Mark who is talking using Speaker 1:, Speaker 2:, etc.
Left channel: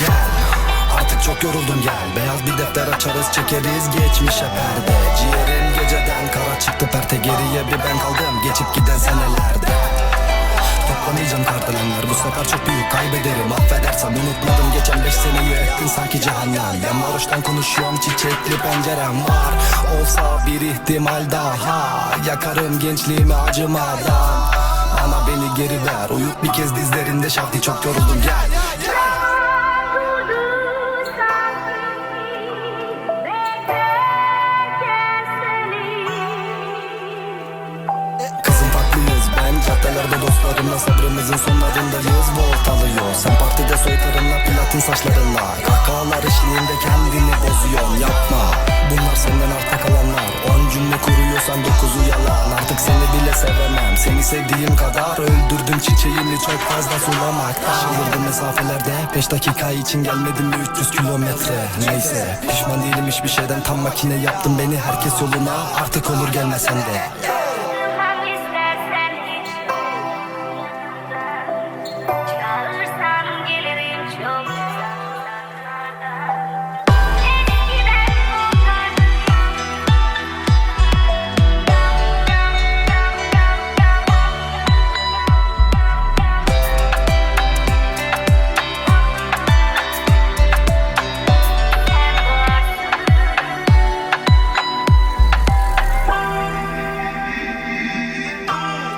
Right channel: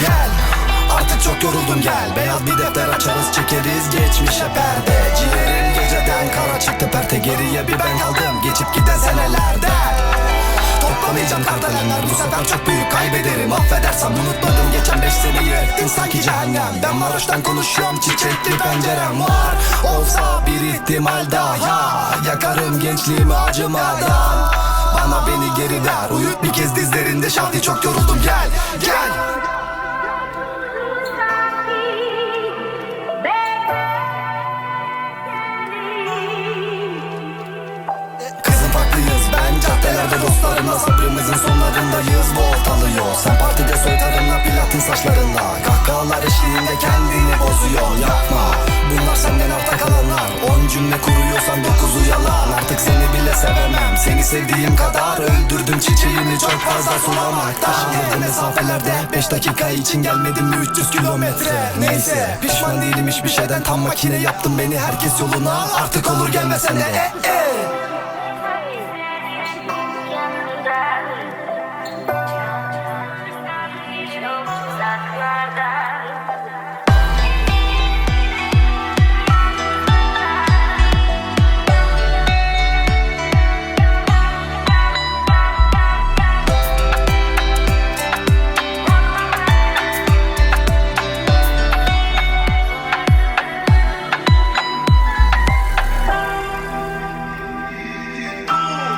Speaker 1: Gel. Artık çok yoruldum gel. Beyaz bir defter açarız çekeriz geçmişe perde. Ciğerim geceden kara çıktı perte Geriye bir ben kaldım. Geçip giden senelerde Toplamayacağım kardelenler bu sefer çok büyük kaybederim. Affedersem unutmadım geçen beş seneyi ettin sanki cehennem. Ben varoştan konuşuyorum çiçekli pencerem var. Olsa bir ihtimal daha Yakarım gençliğimi acımadan. Bana beni geri ver. Uyut bir kez dizlerinde. Şahti çok yoruldum. Gel Gel farklıyız ben caddelerde dostlarımla Sabrımızın sonlarındayız. Volt alıyor Sen partide soytarınla platin saçlarınla. Kahkahalar eşliğinde kendini bozuyorsun. Yapma. Bunlar senden arta kalanlar. On cümle kuruyorsan dokuzu yalan. Artık seni bile sevemem. Seni sevdiğim kadar öldürdüm çiçeğini çok fazla sulamakta Alırdım mesafelerde. Beş dakika için gelmedim mi 300 kilometre? Neyse pişman değilim hiçbir şeyden. Tam makine yaptın beni herkes yoluna. Artık olur gelmesen de
Speaker 2: Boom!